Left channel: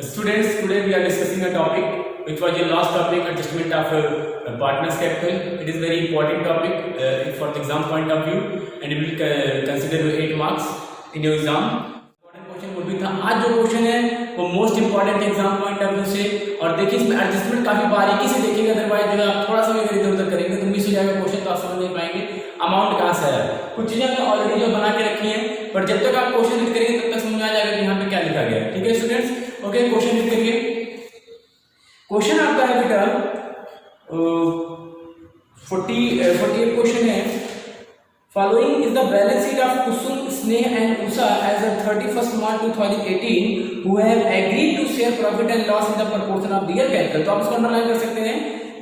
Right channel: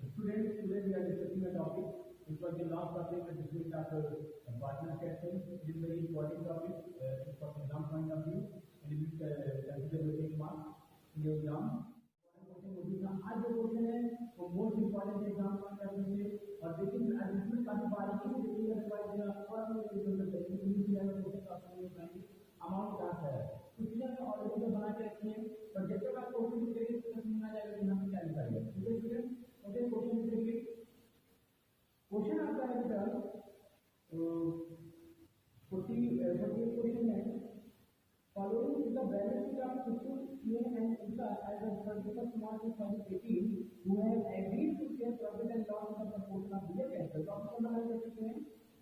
Students, today we are discussing a topic which was your last topic, adjustment of partners capital. It is very important topic for the exam point of view, and it will consider 8 marks in your exam. Important question वो भी था. आज जो question है वो most important exam point of view से, और देखिए इसमें एडजस्टमेंट काफी बारीकी से देखेंगे, अदरवाइज जो है आप थोड़ा सा भी अगर इधर उधर करेंगे तो मिस हो जाएगा क्वेश्चन, तो आप समझ नहीं पाएंगे अमाउंट कहाँ से आया. कुछ चीजें हमने ऑलरेडी जो बना के रखी हैं, पर जब तक आप क्वेश्चन रीड करेंगे तब तक समझ में आ जाएगा कि यहाँ पे क्या लिखा गया है. ठीक है स्टूडेंट्स, ओके क्वेश्चन रीड करिए. क्वेश्चन आपका है बेटा 48 क्वेश्चन है. Following is the balance sheet of Kusum, Sneh and Usha as of 31st March 2018 who have agreed to share profit and loss in the proportion of their capital. तो आप इसको underline कर सकते हैं.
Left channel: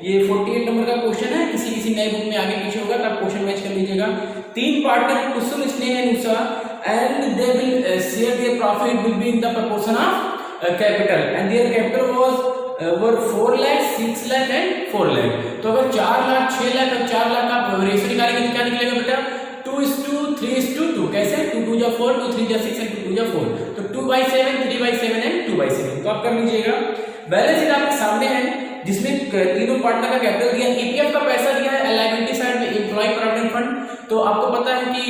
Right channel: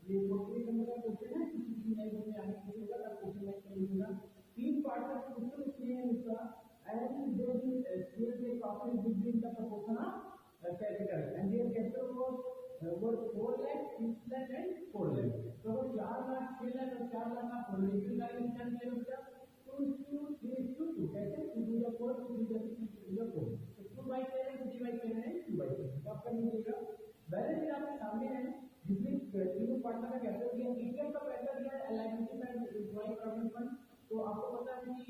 ये 48 नंबर का question है. किसी नए बुक में आगे पीछे होगा तो आप क्वेश्चन मैच कर लीजिएगा. 3 partner Kusum, Sneh and Usha and they will share their profit will be in the proportion of capital and their capital was were 4 lakh, 6 lakh and 4 lakh. तो अगर 4 लाख, 6 लाख और 4 लाख का रेशियो निकालेंगे तो क्या निकलेगा बेटा? 2:3:2. कैसे? 2 2 4, 2 3 6 and 2 2 4. तो 2/7, 3/7 and 2/7. तो आप कर लीजिएगा. बैलेंस शीट आपके सामने है जिसमें तीनों पार्टनर का कैपिटल दिया, ईपीएफ का पैसा दिया है, लायबिलिटी साइड में एम्प्लॉय प्रोविडेंट फंड. तो आपको पता है कि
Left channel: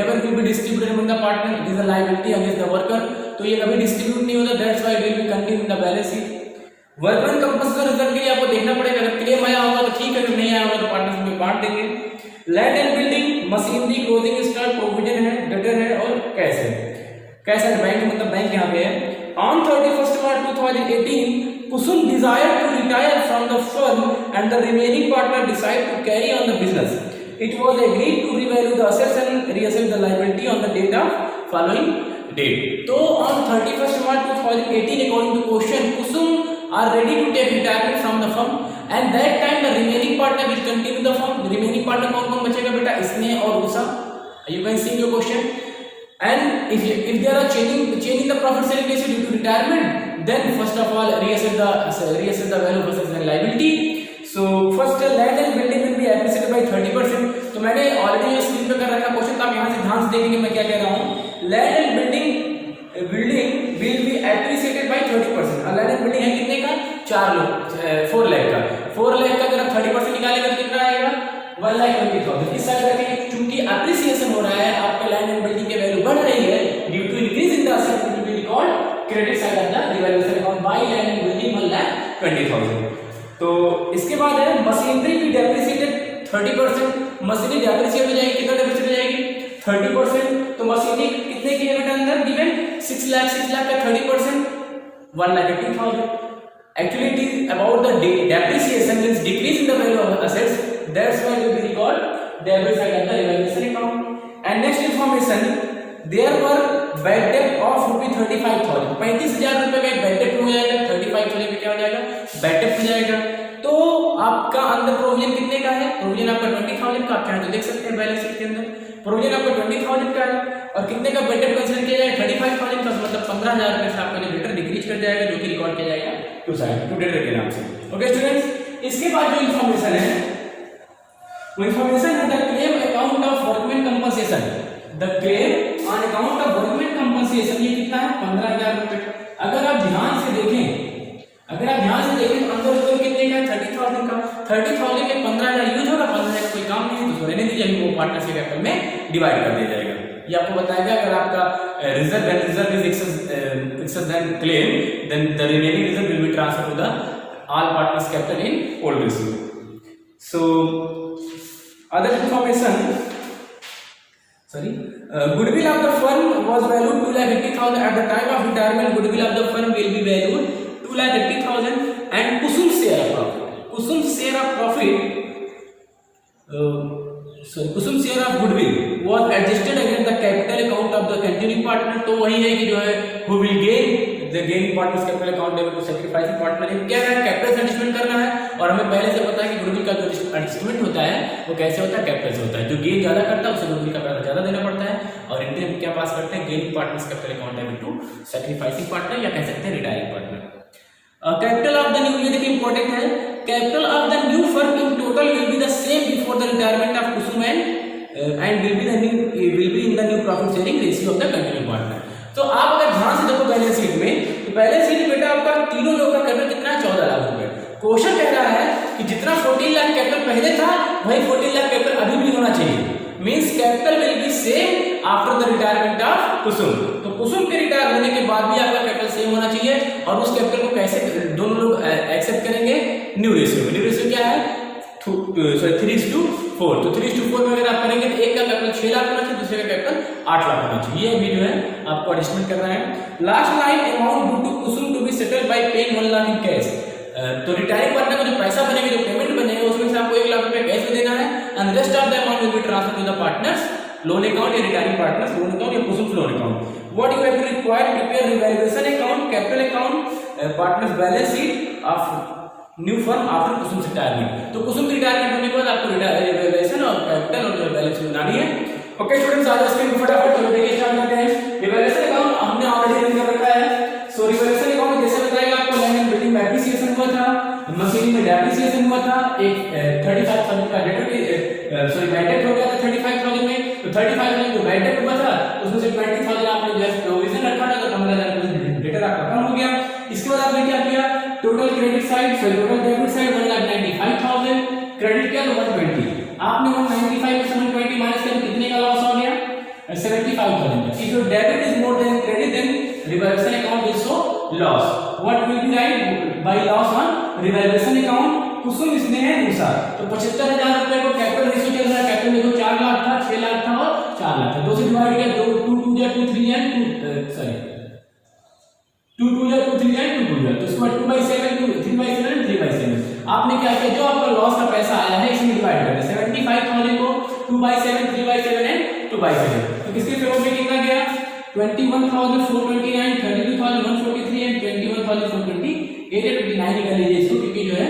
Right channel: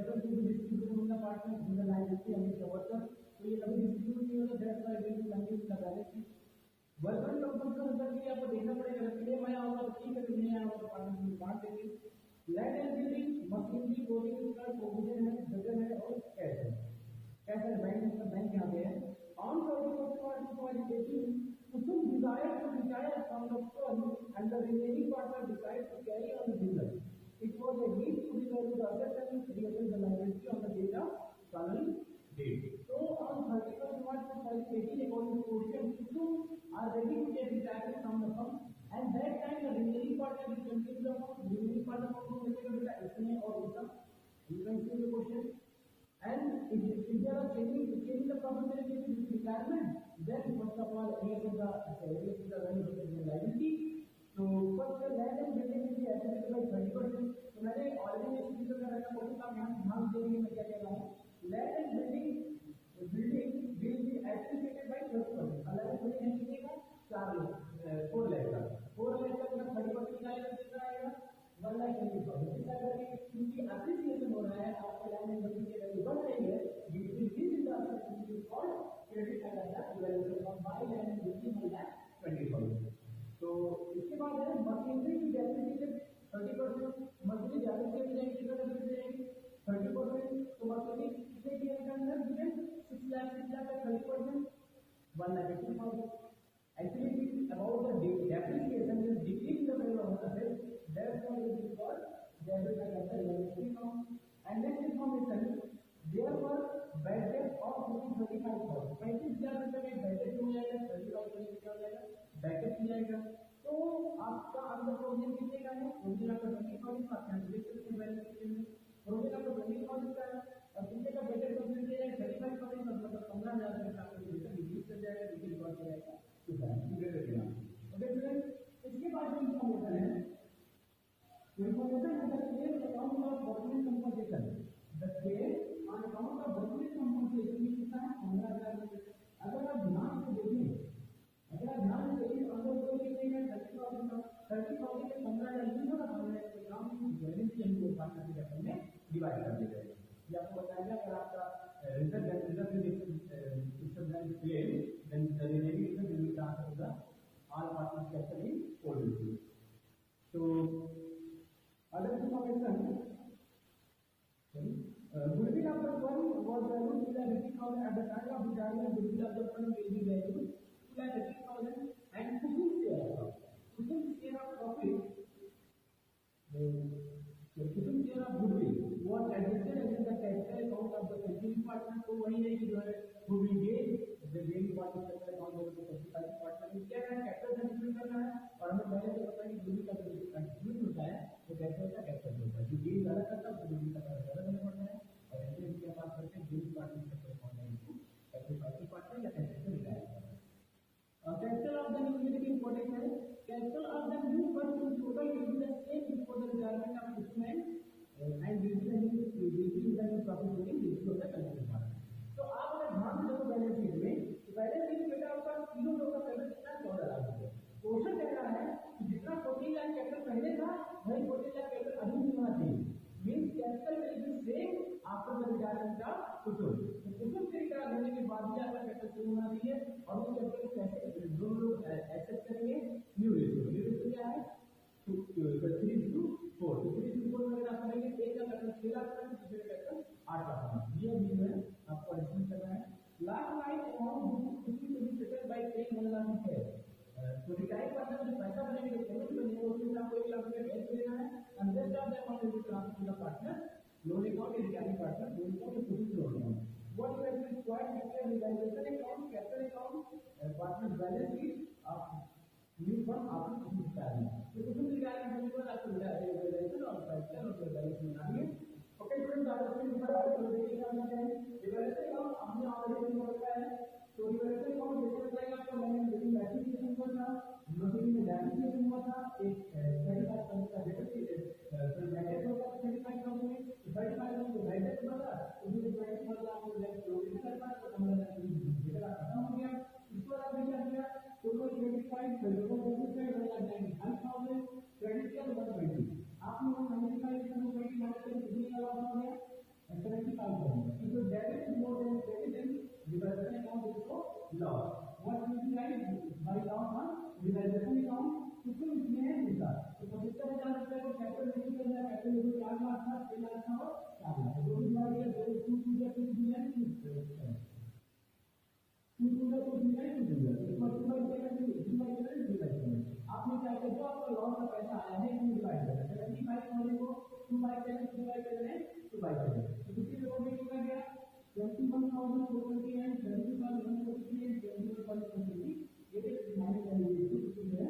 never will be distributed among the partner, it is a liability against the worker. तो ये कभी डिस्ट्रीब्यूट नहीं होता, that's why will be contained in the balance sheet. Workman compensation reserve के लिए आपको देखना पड़ेगा, अगर क्लेम आया होगा तो ठीक है, अगर नहीं आया होगा तो पार्टनर्स में बांट देंगे. Land and building, machinery, clothing stock, provision है, डेटर है और कैश है. कैश है बैंक, मतलब बैंक यहाँ पे है. On 31st March 2018 Kusum desired to retire from the firm and the remaining partner decided to carry on the business. It was agreed to revalue the assets and reassess the liability on the date of following date. So on 31st March 2018 according to question Kusum are ready to take retirement from the firm and that time the remaining partner will continue the firm. The remaining partner कौन बचेगा बेटा? Sneh और Usha. You can see your question. And if there are change in the profit sharing ratio due to retirement, then first of all reassess the value of assets and liability. So first land and building will be appreciated by 30%. तो मैंने already ये screen पे कर रखा question, तो आप यहाँ से ध्यान से देखेंगे मैं क्या कह रहा हूँ. Land and building will be appreciated by 30%. और लैंड एंड बिल्डिंग है कितने का? 4 लाख का. 4 लाख का अगर आप 30% निकालेंगे तो कितना आएगा? 1,20,000. इस साइड रखेंगे क्योंकि एप्रिसिएशन हो रहा है, आपका लैंड एंड बिल्डिंग की वैल्यू बढ़ रही है due to increase in the asset will be record credit side of the revaluation account by land and building 1,20,000. तो इसके बाद है मशीनरी की डेप्रिसिएटेड 30%. मशीनरी डेप्रिसिएट हो जाएगी, कितना डेप्रिसिएट हो जाएगी? 30%. तो मशीनरी कितने की है बेटा अंदर गिवन? 6 लाख का 30% 1,80,000. Actually it is about the depreciation, means decrease in the value of assets. That's why we record debit side of the revaluation account. And next information, there were bad debt of ₹35,000. 35,000 रुपए का bad debt हो जाएगा. 35,000 में क्या हो जाएगा? Bad debt हो जाएगा. तो आपका अंदर प्रोविजन कितने का है? प्रोविजन आपका 20,000 का, आप चाहे तो देख सकते हैं बैलेंस शीट के अंदर. प्रोविजन आपका 20,000 का है और कितने का bad debt कंसीडर किया जाएगा? 35,000 का, मतलब 15,000 रुपए से आपका जो डेटर डिक्रीज कर जाएगा, जो कि रिकॉर्ड किया जाएगा टू साइड टू डेटर के नाम से. ओके स्टूडेंट्स, इसके बाद जो इन्फॉर्मेशन है वो इन्फॉर्मेशन है the claim account of workman compensation. The claim on account of workman compensation ये कितना है? 15,000 रुपए. अगर आप ध्यान से देखें तो अंदर टोटल कितने का है? 30,000 का. 30,000 में 15,000 यूज होगा, 15,000 का कोई काम नहीं है तो रहने दीजिए, वो पार्टनरशिप कैपिटल में डिवाइड कर दिया जाएगा. ये आपको बताएगा अगर आपका reserve is excess then claim, then the remaining reserve will be transfer to the all partners capital in old ratio. So other information, goodwill of the firm was valued 2,80,000 at the time of retirement. Goodwill of the firm will be valued 2,80,000 and Kusum share of goodwill was adjusted against the capital account of the continuing partner. तो वही है कि जो है who will gain the gaining partners capital account level to sacrificing partner. क्या है? Capital adjustment करना है, और हमें पहले से पता है कि गुडविल का जो एडजस्टमेंट होता है वो कैसे होता है? कैपिटल से होता है. जो गेन ज्यादा करता है उसे गुडविल का पैसा ज्यादा देना पड़ता है, और इंडियन क्या पास करते हैं? Gaining partners capital account level to sacrificing partner, या कह सकते हैं retiring partner. Capital of the new, ये देखिए इंपॉर्टेंट है. Capital of the new firm in total will be the same before the retirement of Kusum and will be in the new profit sharing ratio of the continuing partner. तो आप अगर ध्यान से देखो balance sheet में, तो balance sheet बेटा तीनों लोगों का कैपिटल कितना है 14 लाख रुपए। क्वेश्चन कह रहा है कि जितना 14 लाख कैपिटल पहले था वही 14 लाख कैपिटल अभी भी होना चाहिए। Means capital will be same after the retirement of Kusum. तो कुसुम के रिटायर होने के बाद भी आपका कैपिटल सेम होना चाहिए। और उस कैपिटल को कैसे दोनों लोग एक्सेप्ट करेंगे? न्यू रेशियो में। न्यू रेशियो क्या है? 3:4। तो 3:4 में अगर आप करेंगे तो एक का कैपिटल 6 लाख होना चाहिए, दूसरे का कैपिटल 8 लाख होना चाहिए। ये अभी जो है आपको एडजस्टमेंट करना है। Last line, amount due to Kusum to be settled by paying 1 lakh in cash. तो रिटायरिंग पार्टनर को जो पैसा बनेगा, जो पेमेंट बनेगा, उसमें से आपको 1 लाख रुपए कैश में देना है and rest of the amount will be transferred to the partners loan account या रिटायरिंग पार्टनर्स लोन अकाउंट या Kusum loan account. What you have to require, prepare revaluation account, capital account, partners balance sheet of new firm after Kusum retirement. तो Kusum retirement होने के बाद आपको revaluation और capital और balance sheet बनानी है। ओके स्टूडेंट्स, आज इसके फटाफट चलो देखिए स्टार्ट करते हैं। रिवैल्यूएशन अकाउंट हमने ऑलरेडी रन कर रखा है। सो रिवैल्यूएशन अकाउंट जैसे बताएगा आपको लैंड एंड बिल्डिंग में एप्रिसिएशन हुआ था, मशीनरी में डेप्रिसिएशन हुआ था, एक 35,000 का डेट बैड डेट हो गया था 35,000 में। तो 35,000 जो बैड डेट हुआ था उसमें से 20,000 आपने जो है प्रोविजन रखा था, तो 15,000 डेटर आपका कम हो गया। इसके बाद आपने क्या किया? Total credit side total debit side 1,95,000, credit किया तो 120। आपने 195 में 120 माइनस किया तो कितने का लॉस हो गया? 75,000। If your debit is more than credit then revaluation account will show loss. What will be right by loss on revaluation account? Kusum इसमें है अनुसार। तो 75,000 रुपए को कैपिटल रेशियो चल रहा है। कैपिटल देखो 4 लाख था, 6 लाख था और 4 लाख था। 2 से डिवाइड किया, 2 2 या 2 3 या 2 सॉरी 2 2 या 2 3 या 2 2 या, तो इसको 2/7 3/7 3/7। आपने क्या किया? जो आपका लॉस का पैसा आया है इसमें डिवाइड कर दिया। 75,000 को 2/7 3/7 एंड 2/7। तो किसके फेवर में कितना गया? 21,429, 32,143 एंड 21,428 29 निकाल लीजिए इसको, क्योंकि जो है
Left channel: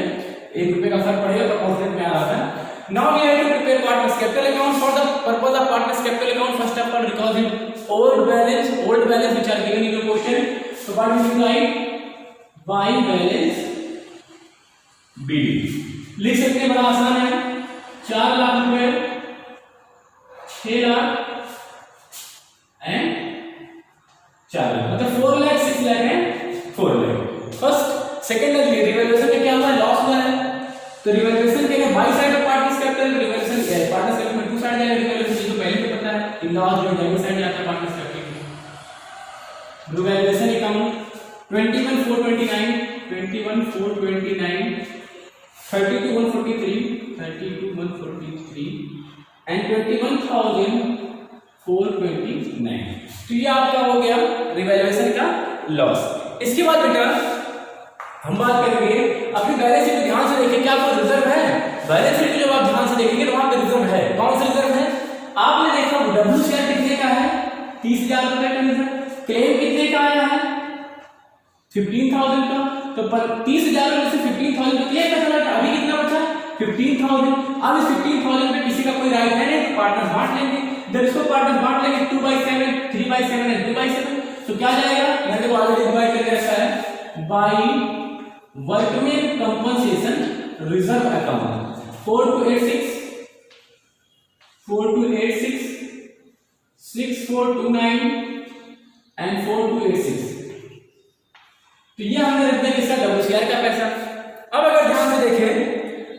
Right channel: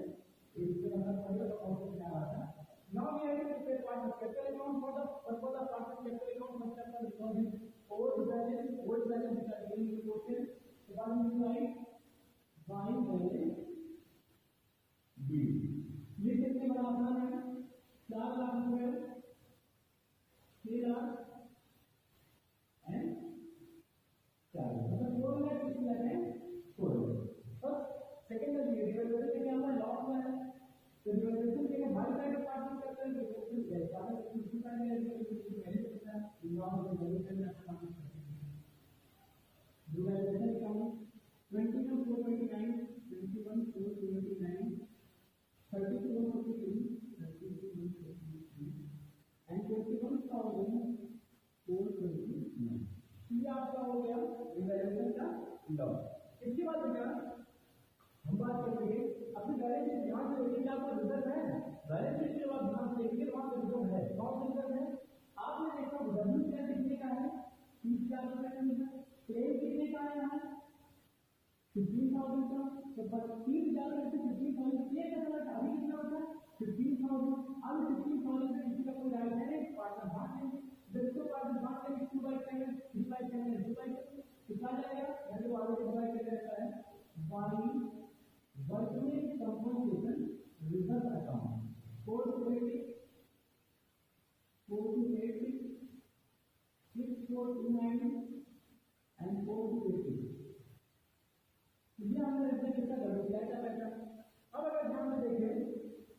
1 रुपए का फर्क पड़ेगा तो ऑफसेट में आ रहा था। Now we have to prepare partners capital account for the purpose of partners capital account. First of all recall the old balance which are given in the question. So what we will write? By balance BD लिख सकते हैं, बड़ा आसान है। 4 लाख रुपए, 6 lakh and 4 lakh, मतलब 4 lakh 6 lakh and 4 lakh. First second revaluation में क्या हुआ? लॉस हुआ है। तो रिवैल्यूएशन के लिए by side of partners capital, revaluation partners capital में टू साइड जाएगा। रिवैल्यूएशन तो पहले भी पता है, इन लॉस जो डेबिट साइड जाता है partners capital. Revaluation account 21,429, 32,143 and 21,429। तो ये आपका हो गया रिवैल्यूएशन का लॉस। इसके बाद बेटा हम बात करेंगे अपनी बैलेंस शीट को ध्यान से देखिए, क्या आपको रिजर्व है? बैलेंस शीट को जब आप ध्यान से देखेंगे तो वहां पे रिजर्व है। कौन सा रिजर्व है? आपने देखा डब्ल्यू शेयर कितने का है? 30,000 रुपए का रिजर्व। क्लेम कितने का आया है? 15,000 का। तो 30,000 में से 15,000 का क्लेम बचा था, अभी कितना बचा? 15,000। अब इस 15,000 में किसी का कोई राइट है नहीं, पार्टनर बांट लेंगे। जब इसको पार्टनर बांट लेंगे 2/7 3/7 एंड 2/7, तो क्या जाएगा? मैंने ऑलरेडी डिवाइड करके रखा है by workman compensation reserve account 4286 6429 and 4286। तो ये हमने रख दिया किसका? डब्ल्यू शेयर का पैसा। अब अगर ध्यान से देखें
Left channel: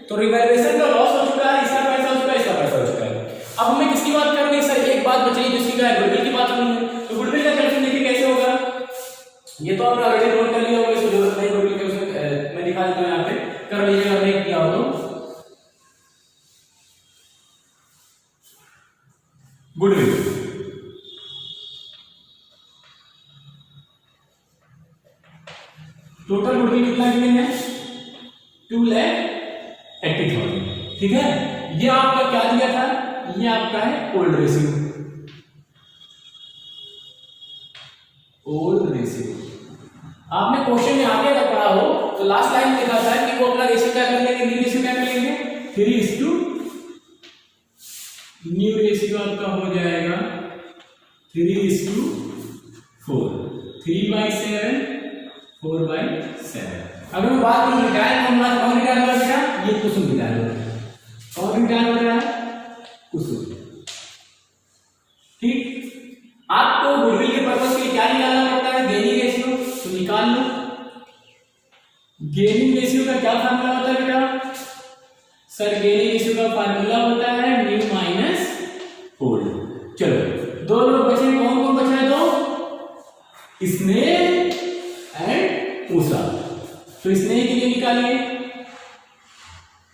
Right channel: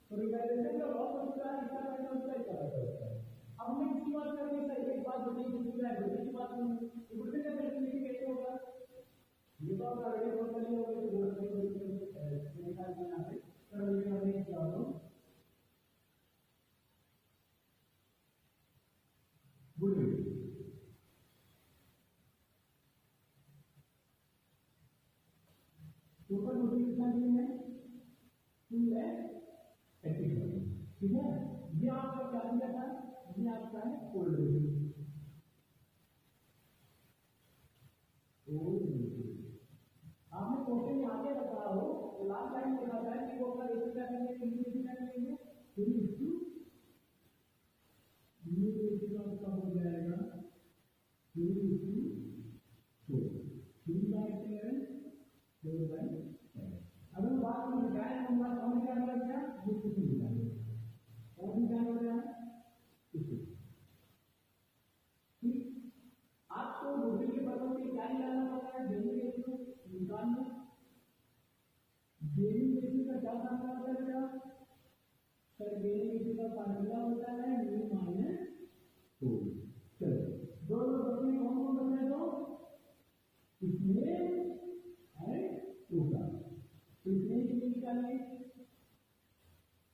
तो रिवैल्यूएशन का लॉस हो चुका है, इसका पैसा हो चुका है, इसका पैसा हो चुका है। अब हमें किसकी बात करनी है सर? एक बात बची जिसकी क्या है? गुडविल की बात करनी है। तो गुडविल का कैलकुलेशन देखिए कैसे होगा। ये तो आपने ऑलरेडी नोट कर लिया होगा, इसको जरूरत नहीं गुडविल के उसमें मैं दिखा देता हूं, यहाँ पे कर लीजिएगा अगर नहीं किया हो तो। गुडविल टोटल गुडविल कितना गिवन है? 2,80,000। ठीक है, ये आपका क्या दिया था? ये आपका है ओल्ड रेशियो। ओल्ड रेशियो आपने क्वेश्चन में आगे अगर पढ़ा हो तो लास्ट लाइन में लिखा था कि वो अपना रेशियो क्या कर लेंगे? न्यू रेशियो क्या कर लेंगे? 3:, न्यू रेशियो आपका हो जाएगा 3:4, 3/7 4/7। अगर मैं बात करूं रिटायर होना, कौन रिटायर हो रहा है? ये कुसुम रिटायर हो रहा है। कौन रिटायर हो रहा है? कुसुम। ठीक, आपको गुडविल के पर्पस के लिए क्या निकालना पड़ता है? गेनिंग रेशियो, तो निकाल लो। गेनिंग रेशियो का क्या फार्मूला होता है बेटा? सर गेनिंग रेशियो का फार्मूला होता है न्यू माइनस ओल्ड। चलो दो लोग बचे, कौन कौन बचा है? दो, स्नेह एंड उषा। तो स्नेह के लिए निकालिए,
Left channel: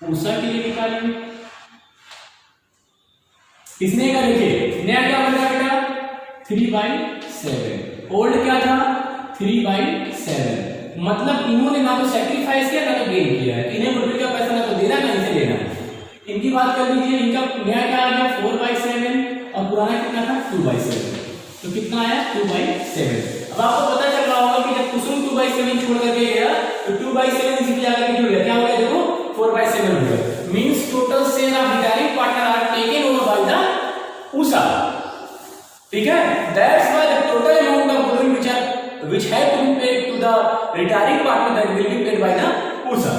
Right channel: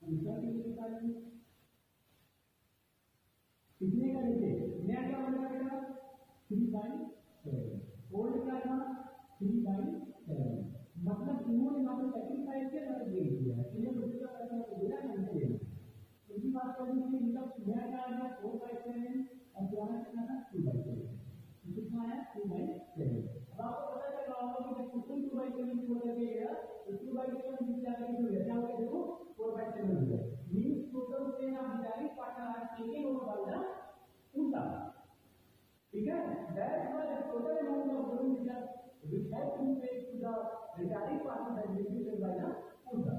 उषा के लिए निकालिए। स्नेह का देखिए नया क्या बन रहा है बेटा? 3/7। ओल्ड क्या था? 3/7। मतलब इन्होंने ना तो सैक्रिफाइस किया ना तो गेन किया है। इन्हें गुडविल का पैसा ना तो देना ना इसे लेना है। इनकी बात कर लीजिए, इनका नया क्या आ गया? 4/7 और पुराना कितना था? 2/7। तो कितना आया? 2/7। अब आपको पता चल रहा होगा कि जब कुसुम 2/7 छोड़ करके गया तो 2/7 इसी पे आकर के जुड़ गया। क्या हो गया देखो? 4/7 हो गया। Means total share of retiring partner are taken over by the Usha. ठीक है, that's why the total amount of goodwill which had to be paid to the retiring partner that will be paid by the Usha.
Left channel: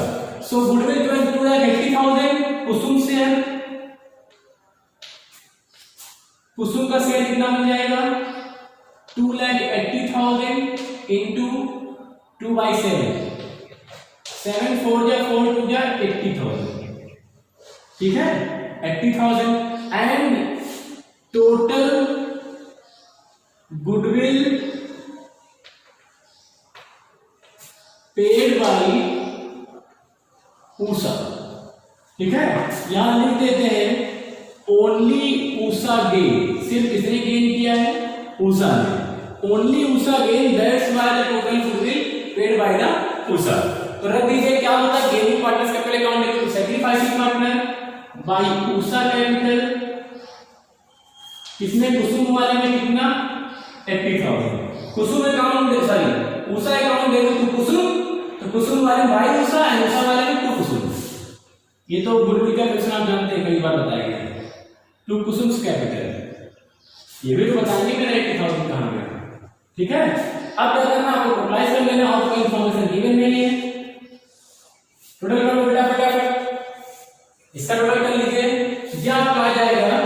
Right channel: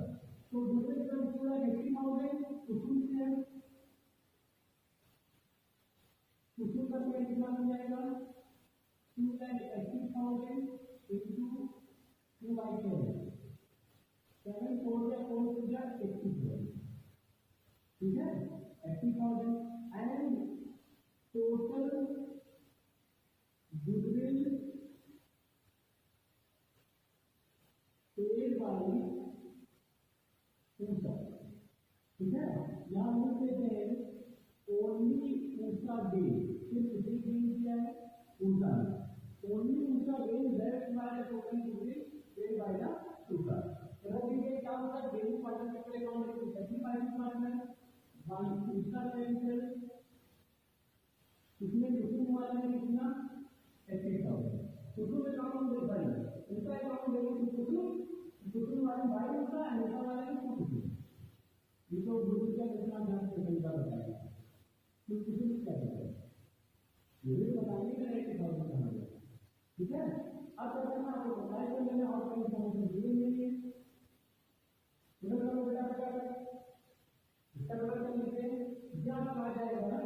So goodwill to 2,80,000 Kusum share. Kusum का share कितना बन जाएगा? 2,80,000 into 2/7। 7 4 जा 4 2 जा 80,000। ठीक है, 80,000 and total goodwill paid by Usha. ठीक है, यहां लिख देते हैं ओनली उषा गेन। सिर्फ किसने गेन किया है? उषा ने। Only Usha gain, that's why the total goodwill paid by the Usha. तो रख दीजिए क्या होता है? Gaining partners capital account equal to sacrificing partner by Usha capital. किसने? कुसुम वाले में कितना? 80,000। Kusum account sorry Usha account देखो तो कुसुम, तो कुसुम वाले बाई उषा है, उषा वाले में 2 कुसुम। ये तो गुडविल का क्वेश्चन आप जानते हैं, कई बार बताया गया है। 2 कुसुम्स कैपिटल, ये भी तो बताएंगे मेरा 80,000 कहां गया। ठीक है, अब क्या करना आपको? टोटलाइज कर लेना, आपको इंफॉर्मेशन गिवन नहीं है। टोटल कर लो बेटा फटाफट, इसका टोटल कर लीजिए। ये आपका आ जाएगा,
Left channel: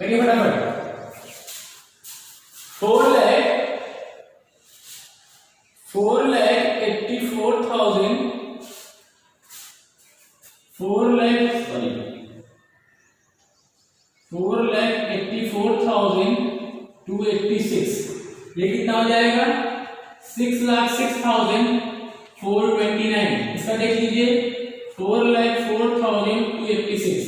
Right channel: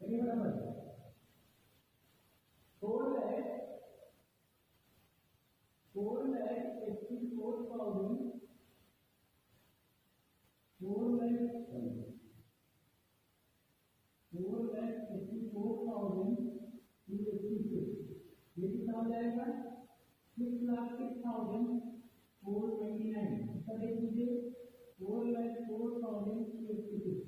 करिए फटाफट, 4,84,286। ये कितना हो जाएगा? 6,06,429। इसका देख लीजिए 4,04,286।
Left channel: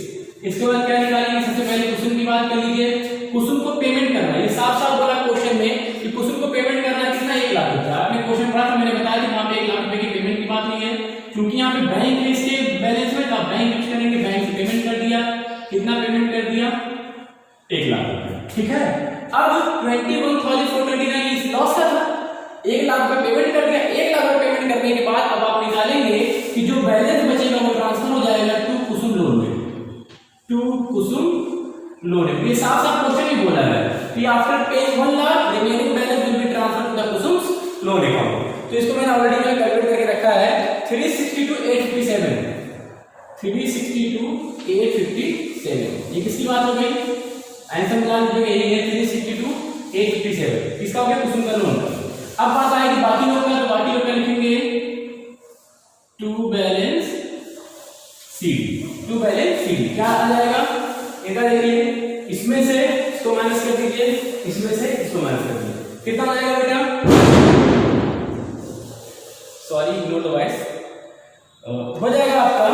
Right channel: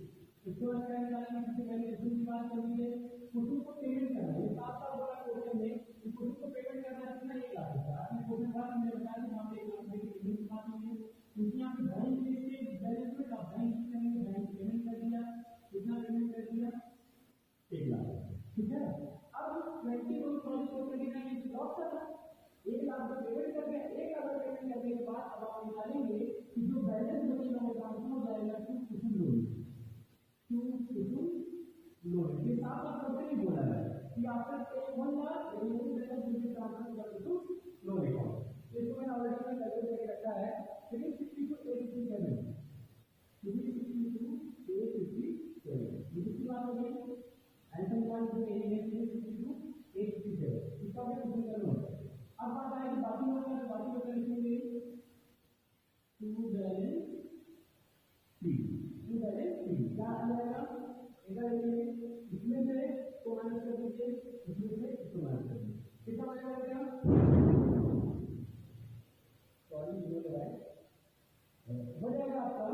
इसके बाद क्या निकालेंगे? सबसे पहले कुसुम की बात कर लीजिए। कुसुम को पेमेंट करना, ये साफ साफ बोला क्वेश्चन में कि कुसुम को पेमेंट करना कितना? 1 लाख रुपया। आपने क्वेश्चन पढ़ा था, मैंने बताया था वहां पे 1 लाख रुपए की पेमेंट की बात नहीं है, क्योंकि यहाँ पे बैंक है इसके बैलेंस में, तो बैंक यूज करेंगे, बैंक से पेमेंट कर दिया। कितना पेमेंट कर दिया? 1 लाख रुपया। ठीक है, अब 21,429 इस लॉस का था, 1 लाख रुपए पेमेंट कर दिया। 1 लाख रुपए पेमेंट करने के बाद अब आप निकालेंगे कि जो बैलेंस बचेगा वो ट्रांसफर हो जाएगा टू कुसुम लोन में। टू कुसुम लोन है, ये साफ साफ क्वेश्चन ही बोला है कि after paying 1 lakh remaining balance will be transferred to the Kusum loan account. तो इसको मैंने ऑलरेडी कैलकुलेट करके रखा है 362,857। 362,857 ये किसकी बात हो गई? आंसर निकाल लीजिएगा, यही है 362,857। किसका हो गया? कुसुम का लोन का। अब बात आएगी बाकी लोग का, तो बाकी लोग का लिखेंगे to balance C D. To balance C D क्या आ जाएगा? इधर देखिए, इसमें से इसको माइनस कर दीजिए, इसमें से इसको माइनस कर दीजिए। कितना आ जाएगा बेटा? Sorry ignore the voice. हो जाएगा आपका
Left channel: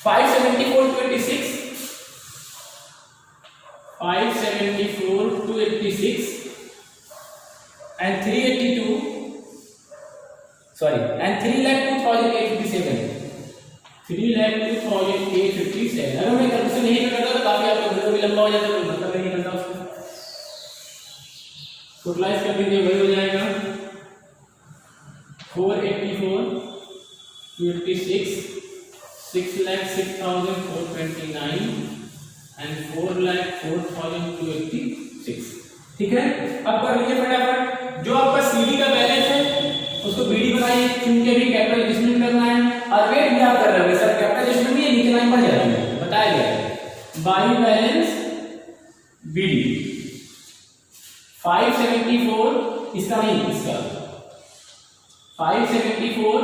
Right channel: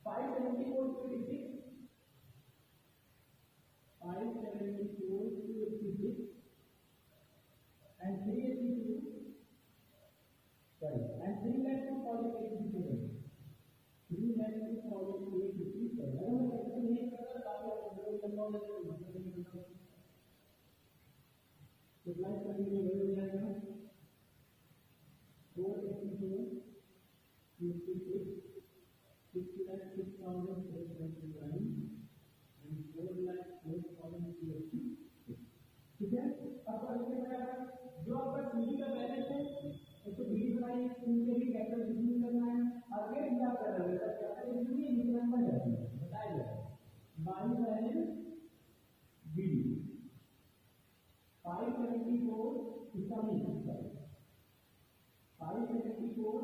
574,286 574,286 and 382 sorry and 3,02,857 3,02,857। अगर मैं कैलकुलेशन नहीं करता तो काफी आपका वीडियो भी लंबा हो जाता, कोई मतलब नहीं करता उसको। टोटलाइज कर दीजिए, वही हो जाएगा 484,286 6,06,429 and 4,04,286। ठीक है, अब कर लीजिए फटाफट। जो आपका सीडी का बैलेंस है उसको बीडी बनाइए, क्योंकि अभी कैपिटल एडजस्टमेंट करना है। और वेट भी आप कर रहे हो सर, कैपिटल एडजस्टमेंट भी नीचे लाइन पर जाएगी, बताया गया है। बाई बैलेंस बीडी 574, इसका नहीं, इसका 574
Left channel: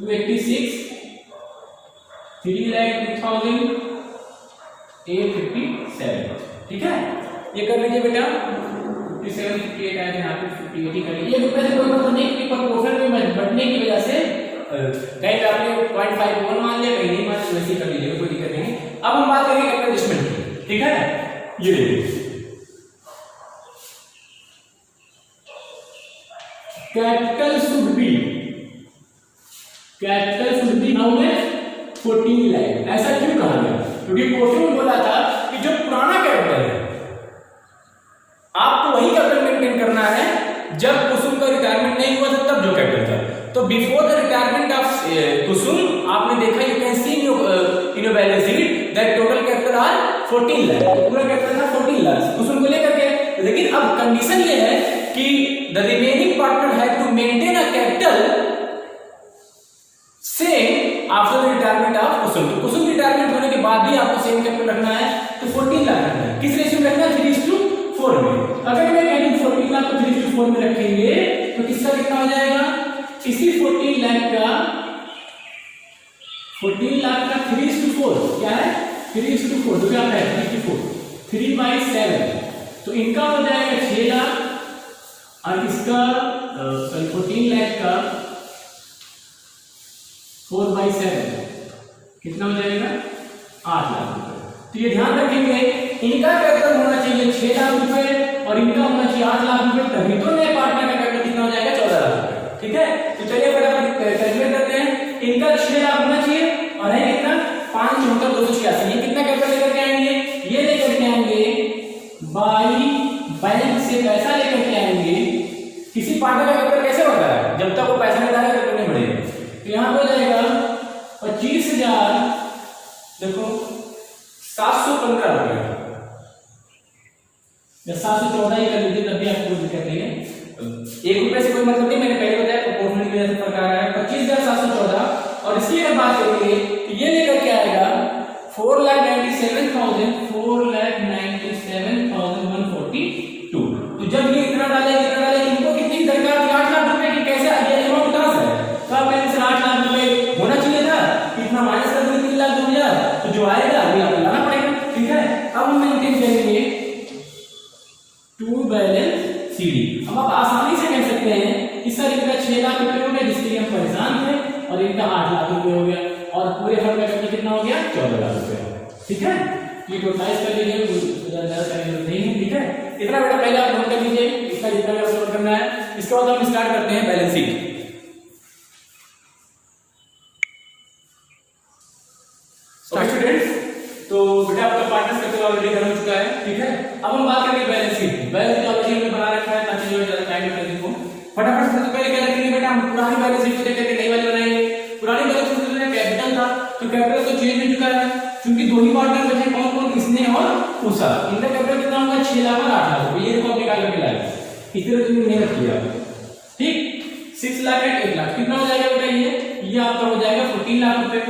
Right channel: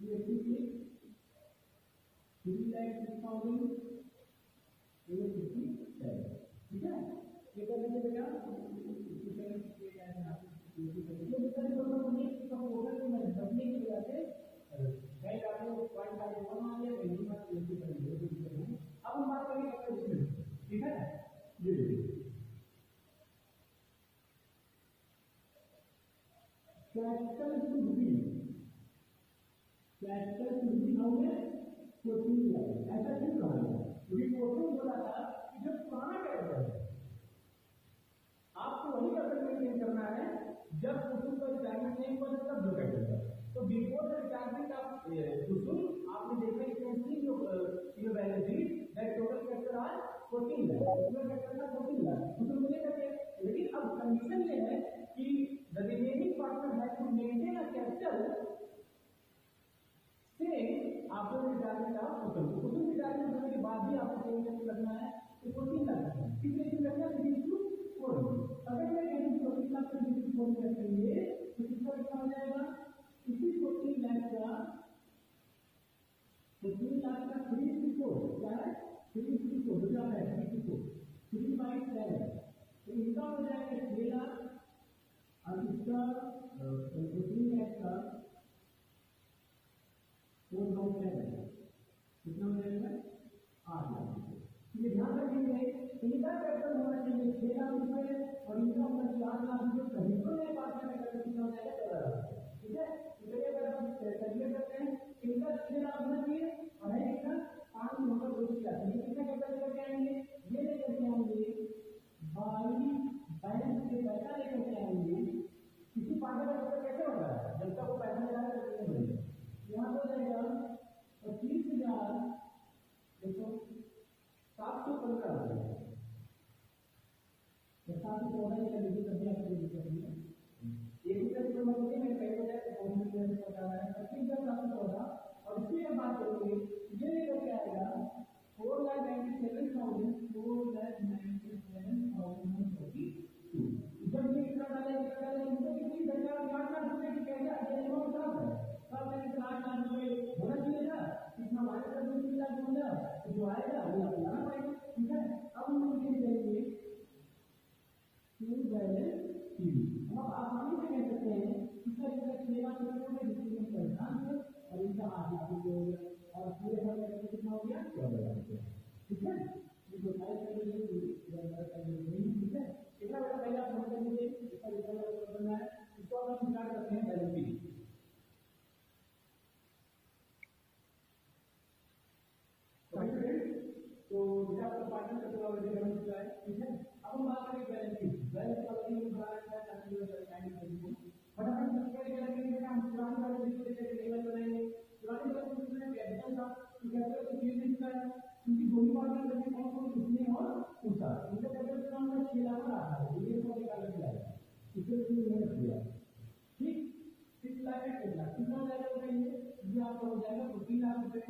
286 3,02,857। ठीक है, ये कर लीजिए बेटा। 57 58 आए थे यहाँ पे 58 ही कर लीजिए। ये रुपए से कोई मतलब नहीं कि पर प्रोफिट में बढ़ने की वजह से कहीं पे आपने 0.51 मान लिया, कहीं नहीं मान लिया, वैसे ही कर लीजिएगा, कोई दिक्कत नहीं। अब हम बात करेंगे कैपिटल एडजस्टमेंट की। ठीक है, ये देखिए कैपिटल शुड बी नाउ में 14 लाख। ऐसा क्यों कहा गया? क्योंकि क्वेश्चन में बोला था कि जो पुराना कैपिटल है आपको वही कैपिटल मेंटेन करना है जब कुसुम का रिटायरमेंट नहीं हुआ था, तब जो कैपिटल था। तो बिफोर द रिटायरमेंट ऑफ कुसुम आपने देखा, you can see in your balance sheet that total capital R 14 lakh. पूरा कैपिटल था 14 लाख कुसुम को लेकर के। लेकिन अब कंडीशन ये है कि the remaining partner have to maintain a capital same after the retirement of Kusum. तो कुसुम रिटायरमेंट होने के बाद भी आपको सेम कैपिटल रखना है, तो 14 लाख रखना है। किस रेशियो में रखना है? 3:4 में। अगर मैं कहूं 14 लाख को 3:4 में रखेंगे तो किसका कितना हो जाएगा? इसी 14 लाख का 3:4 क्या है? 3:4 तो क्या है? 3/7। तो इनका हो जाएगा 6 लाख और इसका 14 लाख का 4/7 कितना हो जाएगा? 8 लाख रुपए। तो ये ध्यान रखेंगे, इनका कैपिटल होना चाहिए 6 लाख रुपए और इनका होना चाहिए 8 लाख रुपए, तभी तो नए पार्टनर का कैपिटल कितना हो जाएगा? 14 लाख रुपए। ठीक है, तो चलिए फटाफट कैलकुलेट करते हैं। इनका 6 लाख होना चाहिए और है कितना? 5,74,286। ये कितना कैपिटल लेकर के आएंगे? ये लेकर के आएंगे बाई बैंक से पैसा लेकर के आएंगे। किसी पार्टनर का कैपिटल कैसे होता है? जब तक वो पैसा नहीं डालेगा कैपिटल नहीं बढ़ेगा। तो यहाँ हो जाएगा 25,000, देखो 715 रुपए या 714 ही कर लीजिए, तब भी आपको कोई दिक्कत नहीं है। 1 रुपए से कोई मतलब नहीं, मैंने पहले बताया प्रोपोर्शनल की वजह से फर्क आ रहा है। 25,714 और इसकी अगर बात करेंगे तो ये लेकर के आएगा 4,97,142। तो जब ये इतना डाले इनको कितनी दरकार थी? 8 लाख रुपए की। कैसे ये अमाउंट कहां से है? तो आप बैंक से 8 लाख रुपए होना चाहिए था, इतना माइनस कर देंगे 3,02,000, तो जो आएगा अभी आपको लाना पड़ेगा। ठीक है, अब हम मेंटेन करेंगे टू बैलेंस सीडी। अब आप आसानी से कह सकते हैं कि सर इनका 6 लाख रुपए हो गया जिसके लिए हम परेशान थे, और इनका 8 लाख रुपए हो गया, और पूरे फंड का कैपिटल कितना हो गया? 14 लाख रुपए। ठीक है, ये टोटलाइज कर लीजिए, ज्यादा करने की जरूरत नहीं है। ठीक है, इतना बेटा पहले आप नोट कर लीजिए, इसका जितना भी नोट करना है। इसके बाद हम स्टार्ट करते हैं बैलेंस शीट। स्टूडेंट्स, तो बेटा आपका पार्टनर्स कैपिटल ऑलरेडी कर हो चुका है। ठीक है, अब हम बात करेंगे balance sheet. Balance sheet already हमने बना रखा है ताकि जो ज्यादा टाइम ना लगे को। फटाफट सबसे पहले क्या रखेंगे बेटा? हम पुरानी बैलेंस शीट को देख करके नई वाली बनाएंगे। पुरानी बैलेंस शीट में कैपिटल था, तो कैपिटल तो चेंज हो चुका है, क्योंकि दो ही पार्टनर बचे, कौन कौन? इसने और उषा। इनका कैपिटल कितना होगा? 6 लाख और 8 लाख रुपए। ये देखो निकाल करके लाए, इतने तुमने मेहनत किया। ठीक, 6 लाख और 1 लाख कितना हो जाएगा बेटा? ये आपका हो जाएगा 14 लाख रुपए।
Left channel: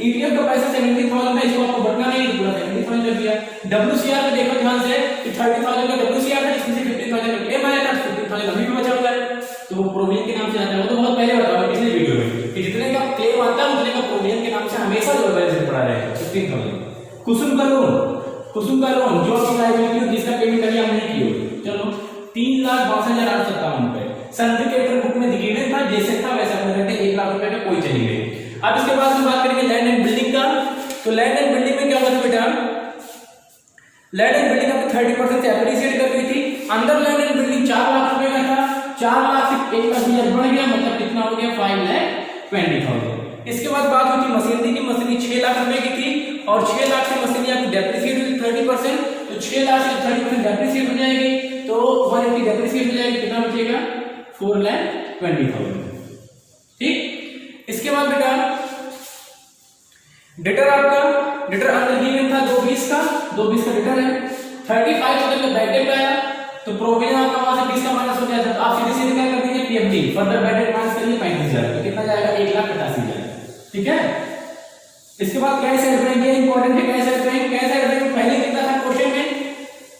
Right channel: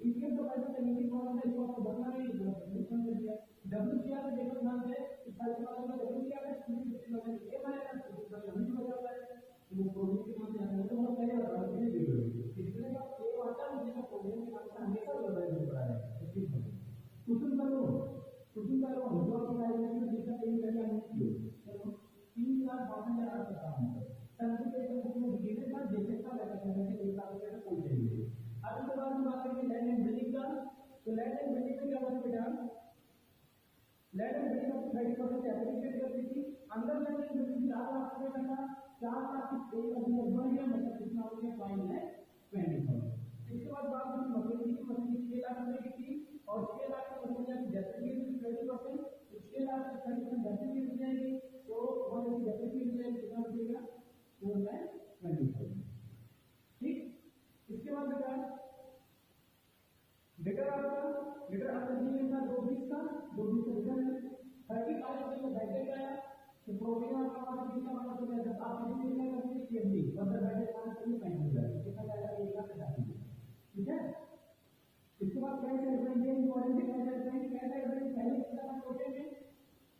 ईपीएफ का पैसा 70,000 है, इसको आपको बढ़ना नहीं, पूरा 70,000 कर दिया। डब्ल्यूसीआर में देखो ध्यान से कि 30,000 का डब्ल्यूसीआर है, इसमें से 15,000 का क्लेम आया था, 15,000 अभी भी बचा हुआ है, तो वो प्रोविजन के नाम से आता है। वो तो बहुत पहले बताया पिछले वीडियो में कि जितने का क्लेम आता है उतने का प्रोविजन के नाम से हमेशा जो बैलेंस पड़ा रहेगा 15,000। कुसुम का लोन जो आपकी लायबिलिटी जिसका पेमेंट अभी हम नहीं किए, चलो 3,62,857 रुपए। सर्टिफिकेट बुक में गिवन था, जैसे था वैसा अपने रहते 1 लाख रुपए का कोई चली गई। अब इसके बाद हम बात करेंगे लैंड एंड बिल्डिंग का। तो लैंड एंड बिल्डिंग में क्या हुआ था बेटा? लैंड एंड बिल्डिंग आपको 30% से एप्रिशिएट कर गई थी। अंदर लैंड एंड बिल्डिंग 4 लाख रुपए का था, 4 लाख से 1,00,000 बढ़ गया, मतलब कितना हो गया? 5,20,000। इसके बाद बात हुई थी मशीनरी की। मशीनरी 6 लाख रुपए की थी और 6 लाख से मशीनरी आपकी डेप्रिशिएट हुई 30%, तो 6 लाख से 30% डेप्रिशिएट हो जाएगी, तो 180 डेप्रिशिएट हो जाएगी, कितना बचेगा? 4,20,000। ठीक, इसके बाद बेटा डेटर आपका डेटर अंदर गिवन था 220 का डेटर है। 35,000 का बैड डेट आया, तो प्रोविजन आपका वहां से 20 का माइनस हो गया था, तो आप सीधे सीधे क्या कर दीजिए? PFD further bad debt minus करिए 35,000, तो कितना जाएगा? 1,85,000। ठीक है, इसके बाद कैश एड बैंक, ये इंपॉर्टेंट है। कैश एड बैंक पहले कितना था क्वेश्चन में?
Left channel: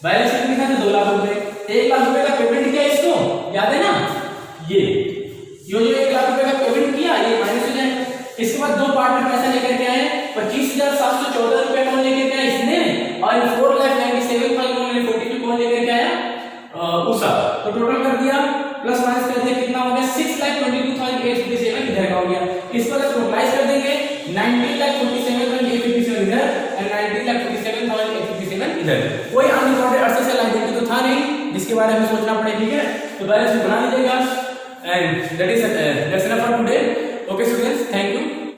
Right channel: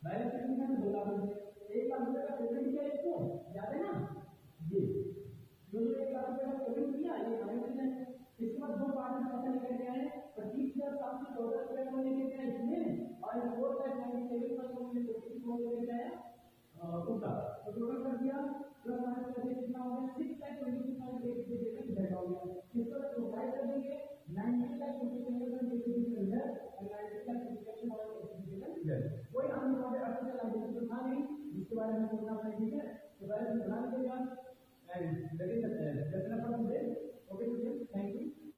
बैलेंस शीट लिखा था 2 लाख रुपए, 1 लाख रुपए का पेमेंट किया, इसको याद है ना? ये दो पार्ट में पैसा लेकर के आए 25,714 रुपए कौन लेकर के आया इसने और 4,97,140 कौन लेकर के आया उषा। तो टोटल कर दिया प्लस माइनस कर दिया कितना हो गया 6,22,857 इधर का हो गया। इसको अगर टोटलाइज कर देंगे 19,47,857 इधर और 19,47,857 इधर। कोई अनरिकॉर्डेड अर्सेस या लायबिलिटी तो था नहीं जिसके बारे में सोचना पड़े, ठीक है। तो बैलेंस बना लीजिएगा and that's enough for today. Okay students, thank you.